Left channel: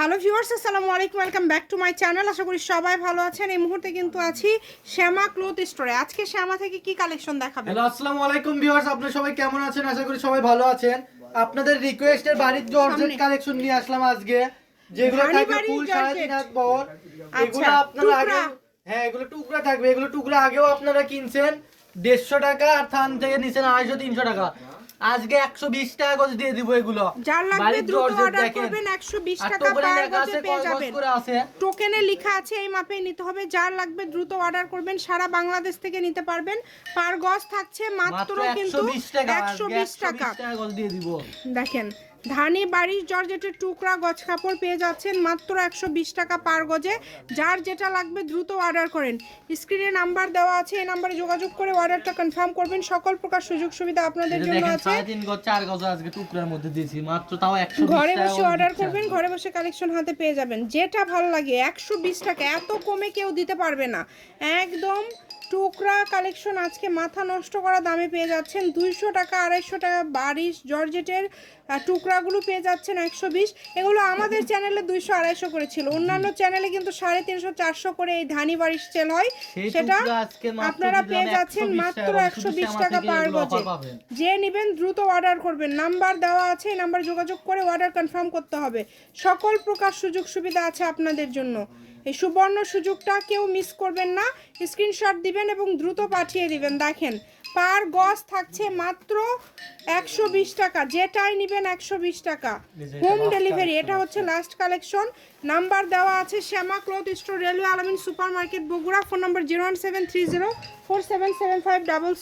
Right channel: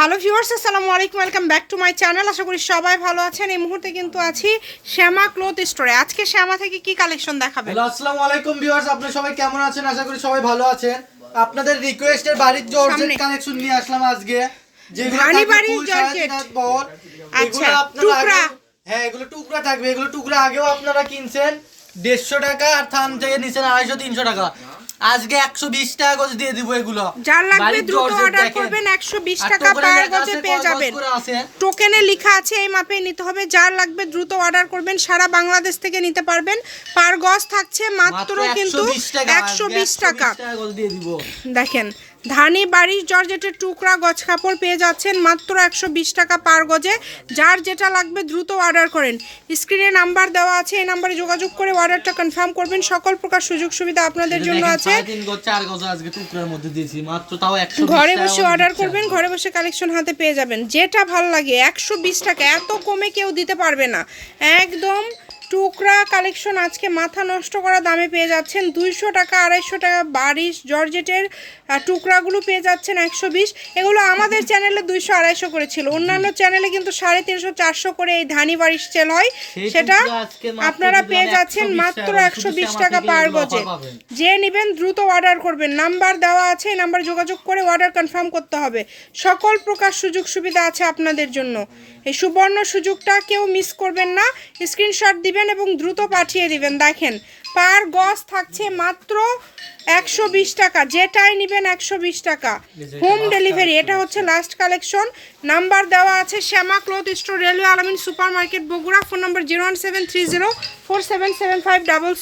Hello viewers, আসসালামু আলাইকুম, welcome back to my channel. আশা করি সবাই ভালো আছেন। এই মুহূর্তে কিন্তু আছি শ্যামা ক্লথ স্টোরে। আজকে শ্যামা থেকে কি কালেকশন দেখাবেন? হ্যালো, আসসালামু আলাইকুম ভিউয়ার্স, আপনারা সবাই কেমন আছেন? আশা করি সবাই ভালো আছেন। আপনাদের রিকোয়েস্টের বাড়ির জর্জেট কালেকশন নিয়ে আসলাম আজকে, যেগুলো থাকবে ফুল 3.5 হাত বহর। এগুলো আপনারা আগে, হ্যাঁ এগুলো টুকরা থাকবে। এগুলো টুকরা আগেও আপনারা কিনছেন 150 টাকা, আর থান থেকে নিছেন 250-300 টাকা। আজকে 120 টাকা গজ দিয়ে দিব। এগুলো যার লাগবে দ্রুত অর্ডার করবেন। 120 টাকা পার গজে পেয়ে যাবেন। টোকেনে লেখা আছে এই মাপে নিতে হবে। যার লাগবে দ্রুত অর্ডার করবেন। সারা বাংলাদেশ থেকে নিতে পারবেন। পার গজ থাকছে মাত্র কিন্তু 120 টাকা গজ দিয়ে দিব। দেখেন, ধানি বাড়ির জর্জেটের টুকরা গজ কাপড় পেয়ে যাচ্ছেন মাত্র 120 টাকা পার গজে। যার যেটা লাগবে দ্রুত অর্ডার করেন। স্ক্রিনে নাম্বার দেওয়া আছে, এই নাম্বারে যোগাযোগ করে অর্ডারটা কনফার্ম করবেন। সকল প্রকার সুযোগ সুবিধা আপনাদের জন্য আছে। 3 গজ 4 গজ আজকে টুকরার মধ্যে দিয়েছি মাত্র, তাও 120 ঘরে বসে অর্ডার করবেন, ঘরে বসে কালেকশন হাতে পেয়ে যাবেন। যেটা ভালো লাগে 120 টাকা, এত কমে কেউ দিতে পারবে না। একদম টুকরা কালেকশন আজকে মাথা নষ্ট করা দামে পেয়ে যাচ্ছেন। 200 টাকা 250 টাকা বারিশ জর্জেটের টুকরাগুলো পেয়ে যাচ্ছেন 120। এগুলো আমাদের চ্যানেলে 200-250 করেছিল, অন্যান্য চ্যানেলে কিন্তু 350-400 করে এই ধানি বারিশ সেল হয়। সেটা আপনারা পেয়ে যাচ্ছেন মাত্র 120 টাকা পার গজে। যে নেবেন দ্রুত অর্ডার করবেন। নাম্বার দেওয়া আছে, এই নাম্বার যোগাযোগ করে অর্ডার কনফার্ম করতে হবে। সকল প্রকার সুযোগ সুবিধা আছে আপনাদের জন্য। এই সুবর্ণ সুযোগটা কেউ মিস করবেন না। স্ক্রিনশট দিবেন এবং দ্রুত পাঠিয়ে দিবেন। দেখেন, পার গজ থাকছে মাত্র 120 টাকা। যেটাই নেবেন 120 টাকা, হোম ডেলিভারি। এটা হচ্ছে লাস্ট কালেকশন। নাম্বার দেওয়া আছে শ্যামা ক্লথ স্টোর, রেলওয়ে আলামিন সুপার মার্কেট, বগুড়া। ফোন নম্বর 01730477566।